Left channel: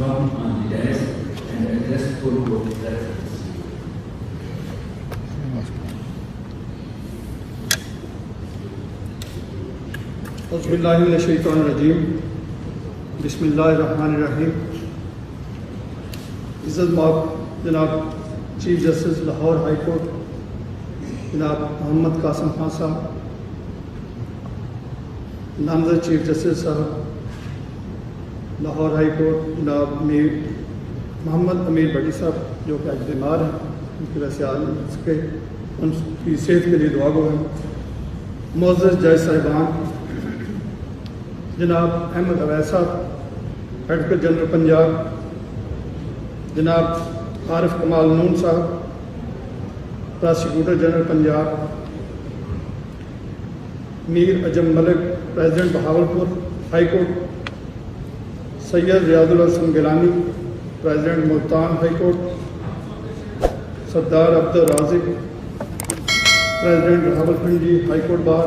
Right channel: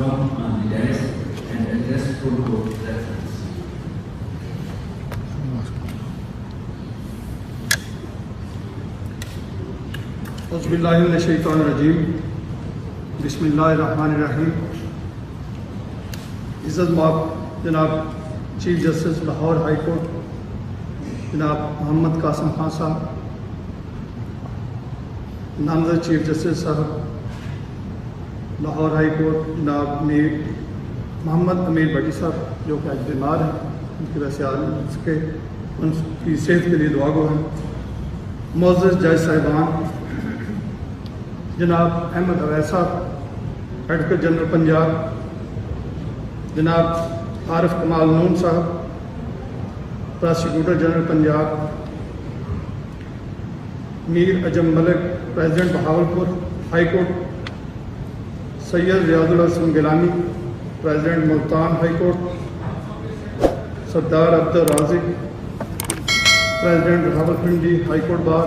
come on the desk and address full court reference. اعوذ باللہ من الشیطان الرجیم بسم اللہ الرحمن الرحیم. عزت مآب جناب chief justice Lahore high court جناب محمد قاسم خان صاحب، نامزد چیف جسٹس صاحب لاہور ہائی کورٹ جناب محمد امیر بٹی صاحب جو کہ آج بیمار ہیں، ان کی وجہ سے آ نہیں سکے، ان کی صحت کے لیے دعا گو ہیں. معزز جج صاحبان جناب احمد اویس صاحب ایڈوکیٹ جنرل پنجاب، جناب عارف کمال نون صاحب prosecutor general Punjab, Mir Ajam Malik president Bahawalpur high court, Syed Riaz al Hasan Gilani president Multan high court, Sardar Abdul Razaq president Rawalpindi high court bar,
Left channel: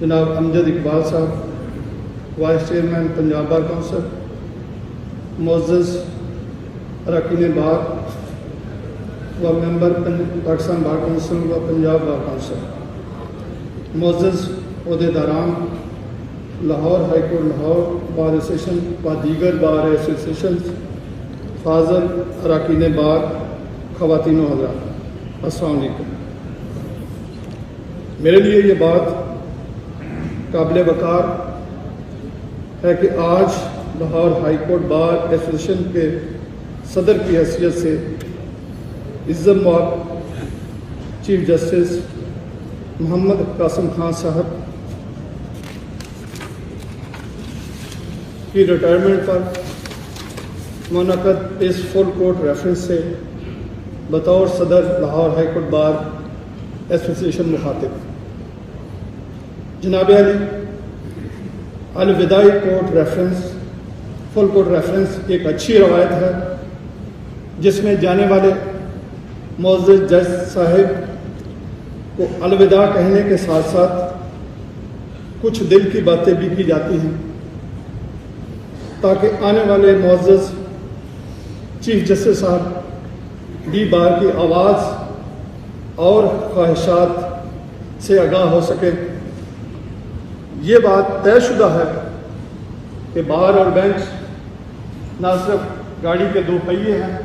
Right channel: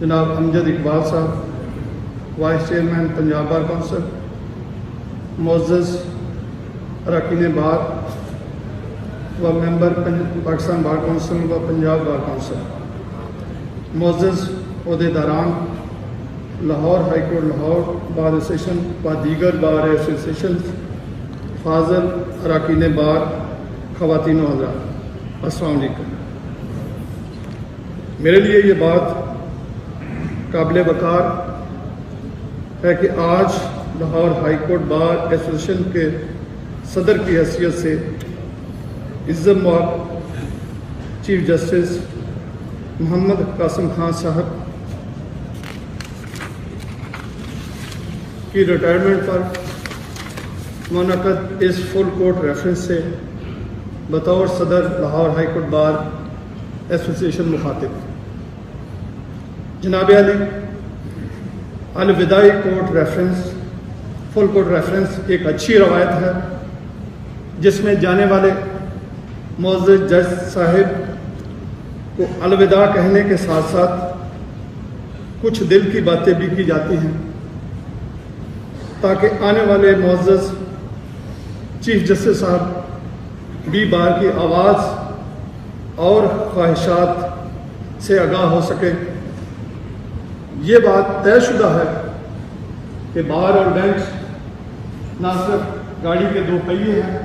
جناب امجد اقبال صاحب vice chairman Punjab bar council, معزز اراکین بار و ممبر پاکستان بار کونسل و پنجاب بار کونسل، معزز عہدیداران Lahore high court Lahore bar association و دیگر بار ایسوسیشن، فاضل اراکین بار، خواتین و حضرات، السلام علیکم. میرے لیے یہ بات قابل وقار ہے کہ آج Lahore high court bar association کے صدر کی حیثیت سے عزت مآب چیف جسٹس محمد قاسم خان صاحب کی ریٹائرمنٹ پر منعقد اس فل کورٹ ریفرنس سے بطور صدر Lahore high court bar association مخاطب. جناب علی، الوداعی court reference full court reference ایک اچھی روایت ہے جس میں جانے والے معزز جج صاحب کو الوداع کہنے کے ساتھ ساتھ کچھ دل کی باتیں بھی کی جاتی ہیں تاکہ آنے والے معزز چیف جسٹس صاحب بھی بار کی آواز اور خواہشات سے آگاہ ہو سکے. یہ بات طے شدہ ہے کہ بار اور بینچ نہ صرف گاڑی کے دو پہیے ہیں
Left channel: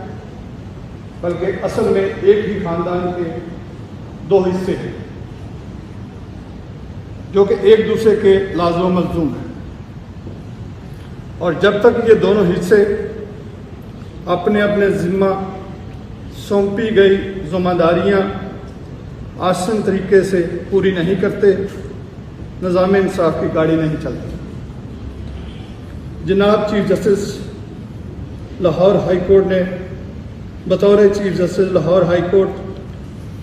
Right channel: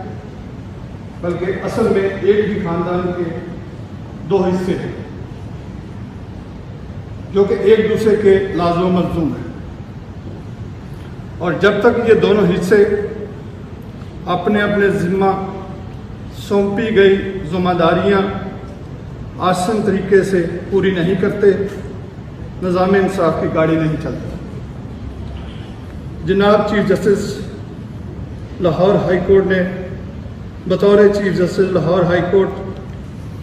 بلکہ اصل میں ایک ہی خاندان کے دو حصے ہیں جو کہ ایک دوسرے کے لازم و ملزوم ہیں، اور جب تک یہ دونوں حصے اپنے اپنے ذمہ سونپی گئی ذمہ داریاں آسن طریقے سے پوری نہیں کرتے، نظام انصاف کی گاڑی نہیں چلتی. جناب chief justice Lahore high court نے بطور chief justice Lahore high court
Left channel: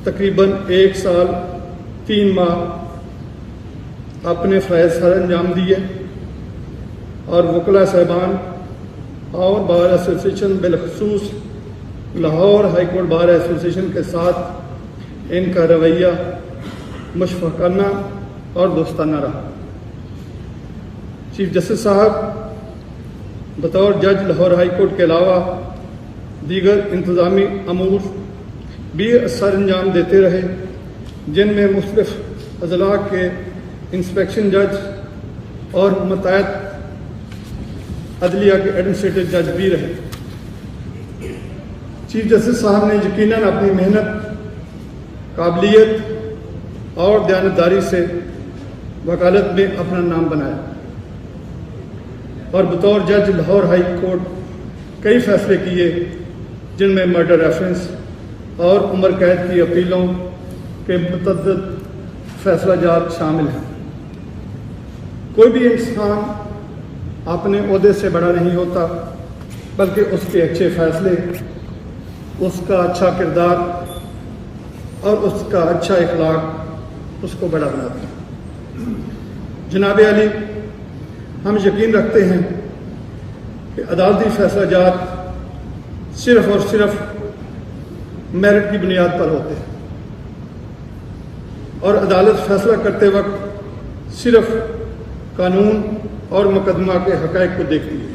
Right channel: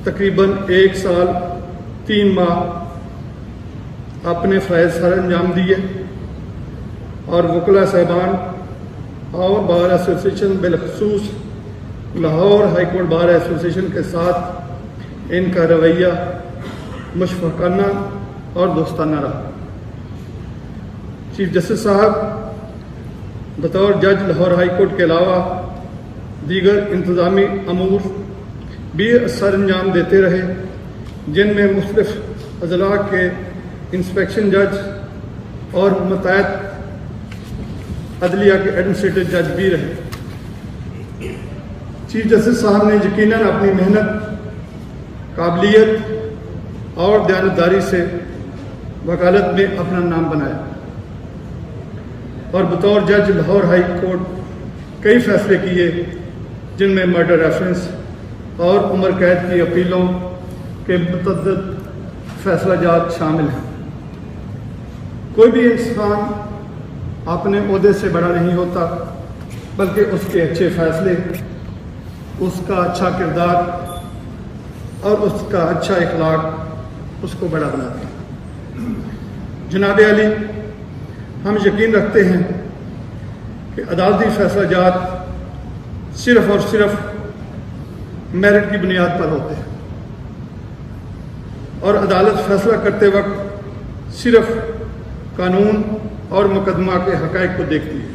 تقریباً 1 سال 3 ماہ اپنے فرائض سر انجام دیے، اور وکلاء صاحبان اور بار ایسوسیشن بالخصوص Lahore high court bar association کے ساتھ ان کا رویہ مشفقانہ اور دوستانہ رہا. چیف جسٹس صاحب بطور جج لاہور ہائی کورٹ کے علاوہ دیگر انتظامی امور بھی سر انجام دیتے رہے، جن میں مختلف اضلاع کے انسپیکشن جج اور متعدد عدلیہ کے ایڈمنسٹریٹو جج بھی رہے. چیف جسٹس صاحب نے یقیناً اپنی محنت، قابلیت اور دیانتداری سے وکالت میں اپنا نام بنایا، اور بطور جج لاہور ہائی کورٹ کئی فیصلے کیے جن میں مرڈر ریفرنس اور عمر قید کی اپیلوں کے متعدد فیصلہ جات شامل ہیں. کوئی بھی انسان اپنے عہدے سے بڑا نہیں ہوتا، بلکہ اس کے اچھے فیصلے، اس کا اچھا کردار اور اس کا اچھا اخلاق اس کو بڑا بناتے ہیں. جناب علی، ہم یقین رکھتے ہیں کہ عدالتی فیصلہ جات صرف اور صرف میرٹ کی بنیاد پر ہوتے ہیں، اور عدالت فیصلہ کرتے وقت صرف قانون اور مقدمہ کے حقائق کو دیکھتی ہے.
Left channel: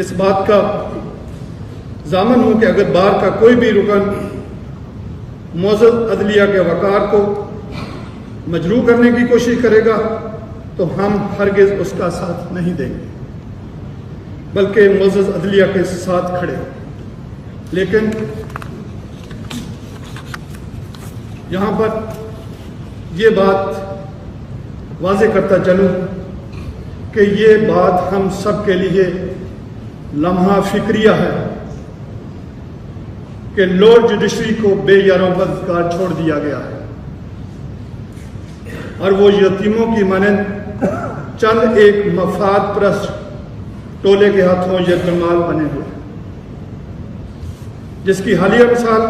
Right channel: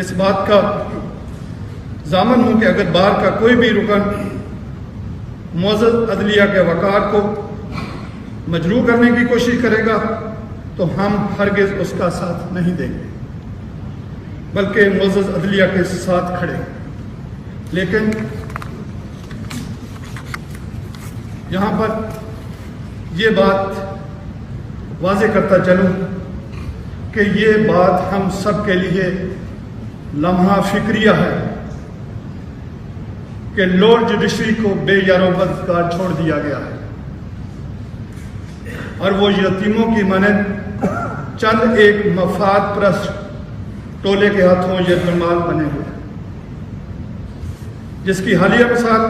اس بات کا ضامن ہوں کہ اگر بار کا کوئی بھی رکن معزز عدلیہ کے وقار کو مجروح کرنے کی کوشش کرے گا تو ہم ہرگز اس کا ساتھ نہیں دیں گے، بلکہ معزز عدلیہ کے ساتھ کھڑے۔ لیکن یہاں پر یہ بات واضح کرتا چلوں کہ یہ بات ہم سب کے لیے لمحہ فکریہ ہے کہ لارڈ جوڈیشری کو بے یاروں بدکار چھوڑ دیا گیا ہے اور وہ یتیموں کی مانند چند ایک مفاد پرست ٹولے کے ہاتھوں یرغمال بنے ہوئے، جس کی حالیہ مثال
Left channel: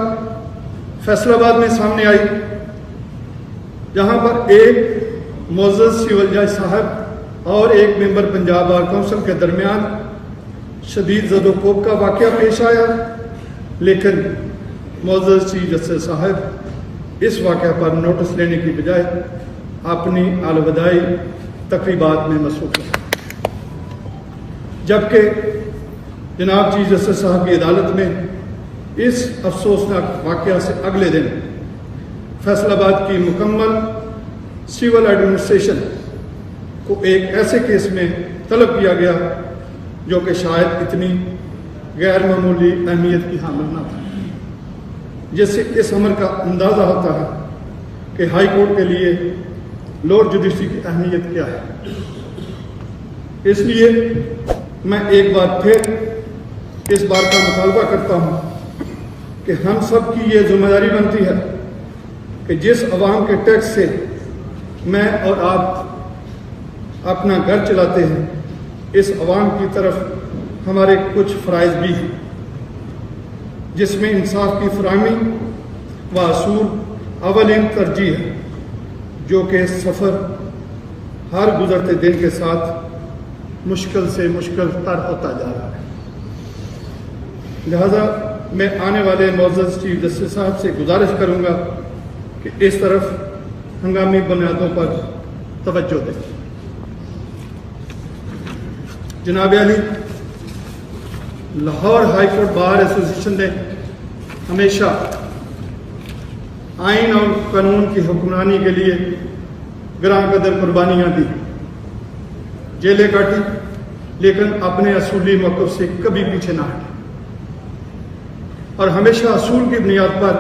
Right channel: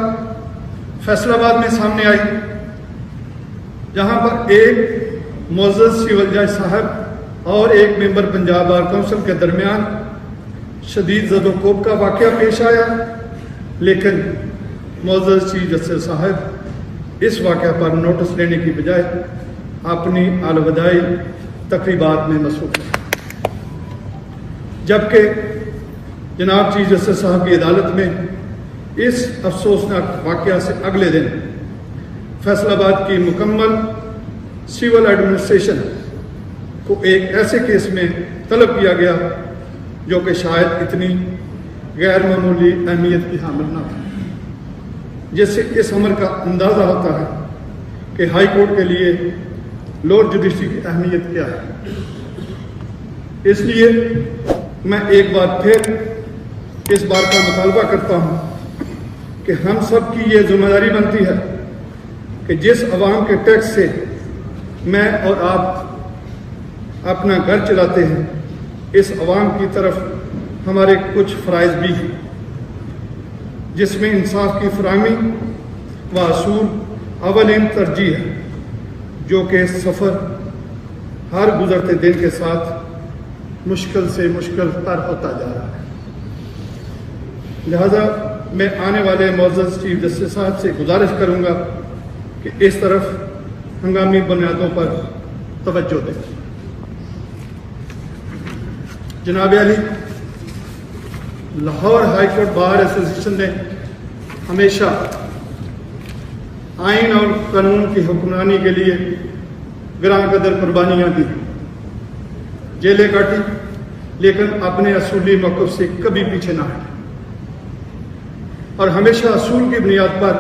فیصل آباد میں سامنے آئی، جہاں پر ایک معزز سیول جج صاحب اور ایک ممبر پنجاب بار کونسل کے درمیان شدید زد و کوب کا واقعہ پیش آیا، لیکن معزز چیف جسٹس صاحب اس واقعہ پر نوٹس لینے کی بجائے اپنی الوداعی تقریبات میں مصروف ہیں، جبکہ جناب چیف جسٹس صاحب کی عدالت میں اس افسوسناک واقعہ سے اگلے دن فیصل آباد کی مکمل سول ایڈمنسٹریشن کو ایک ایسے کیس میں طلب کیا گیا جو کہ شاید اتنی غیر معمولی اہمیت کی حامل نہ ہے، جس سے اس عمر کا اندازہ ہوتا ہے کہ ہائی کورٹ کے لیے لارڈ جوڈیشری کی اہمیت کیا ہے۔ اس لیے میں ایک بار پھر اس بات کا مطالبہ کرتا ہوں کہ ہم سب کی یہ ذمہ داری بنتی ہے کہ جس عوام کے ٹیکس سے میں اور آپ اپنا گھر چلاتے ہیں، اس عوام کی طرف ہمارے کچھ فرائض بھی ہیں، جس میں انصاف کی فراہمی و اصول اولین ترجیح ہے، جو کہ سفر ہر گزرتے دن کے ساتھ مشکل سے مشکل تر ہوتا جا رہا ہے۔ لہذا میں آنے والے معزز چیف جسٹس صاحب سے گزارش کروں گا کہ اس طرف ہنگامی بنیادوں پر توجہ دیں۔ جناب علی، لاہور ہائی کورٹ بار ایسوسی ایشن نے ہمیشہ آئین اور قانون کی حکمرانی کے لیے گراں قدر قربانیاں دی، جیلیں کاٹی، لیکن اپنے اصولی موقف سے کبھی پیچھے نہ ہٹے اور ہمیشہ اصول کی بنیاد پر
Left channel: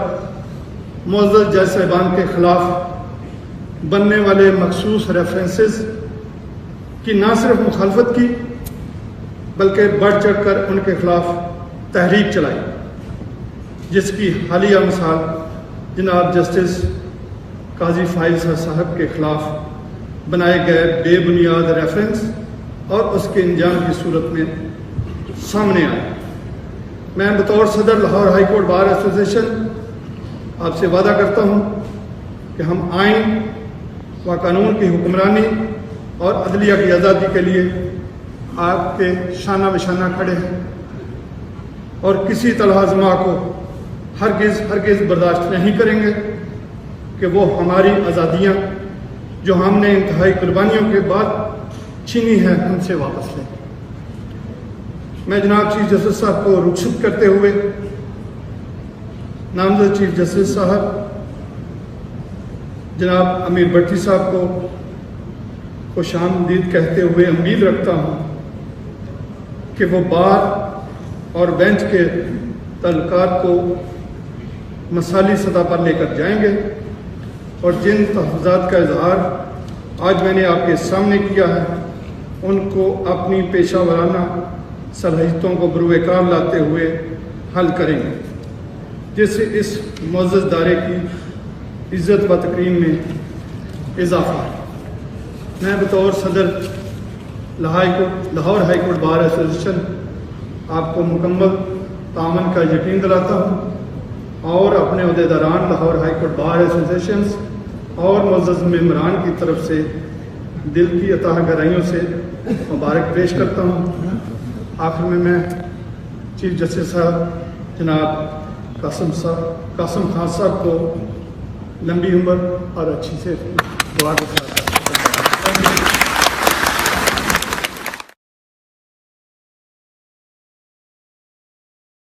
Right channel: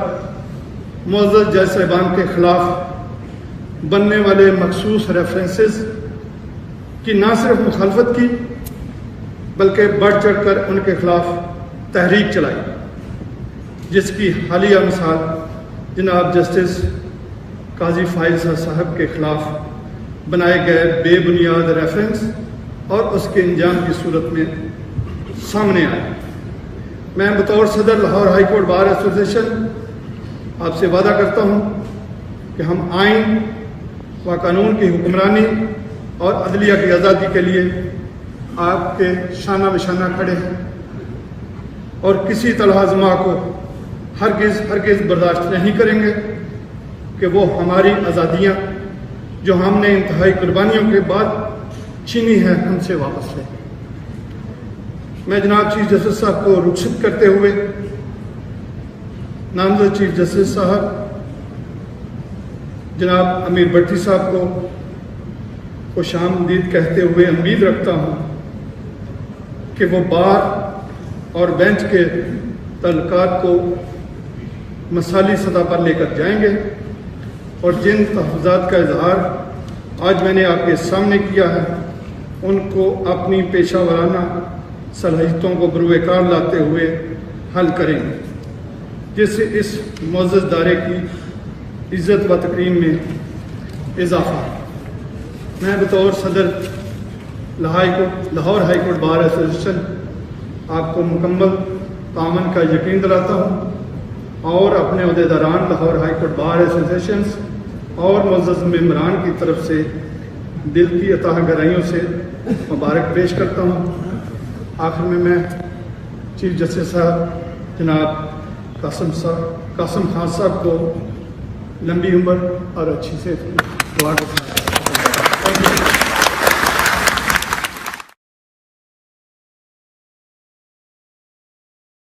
معزز جج صاحبان کے خلاف بننے والے مخصوص ریفرنسز کی نہ صرف مخالفت کی بلکہ بڑھ چڑھ کر ان کے خلاف تحریک چلائی، جس کی حالیہ مثال جناب جسٹس قاضی فائز صاحب کے خلاف بنائے گئے بے بنیاد ریفرنس اور اس کے انجام کی صورت میں سامنے آئی۔ میں بطور صدر Lahore high court bar association آپ سے وعدہ کرتا ہوں کہ ہم آئین و قانون کی حکمرانی اور عدلیہ کی آزادی کے لیے آپ کے شانہ بشانہ کھڑے ہیں اور کسی طلبہ کو ہرگز برداشت نہیں کریں گے کہ وہ ہماری آزادیاں جو ہم نے انتہائی قربانیوں کے بعد چھینی ہیں ہم سے واپس لیں۔ میں جناب چیف جسٹس صاحب کو رخصت کرتے ہوئے نامزد چیف جسٹس صاحب جناب امیر بھٹی صاحب کو خوش آمدید کہتے ہوئے امید رکھتا ہوں کہ وہ بار اور بینچ کے تعلقات کو مثالی سطح پر لے کر جائیں گے اور جن تحفظات کا اظہار آج میں نے آپ کے سامنے کیا ہے ان کو اپنی پیشہ ورانہ صلاحیتوں کو بروئے کار لاتے ہوئے حل کریں گے، جس سے اس معزز دارے کی عزت و تکریم میں اضافہ ہو۔ میں بطور صدر Lahore high court bar association آپ کو مکمل تعاون کا یقین دلاتا ہوں اور اپنے عہدیداران Lahore high court bar association اور معزز ممبران کی طرف سے دل کی عطا گرائیوں سے مبارک پیش کرتا ہوں۔ آخر میں چیف جسٹس صاحب جناب قاسم خان صاحب کو لمبی عمر اور اچھی سے دعا کرتا ہوں۔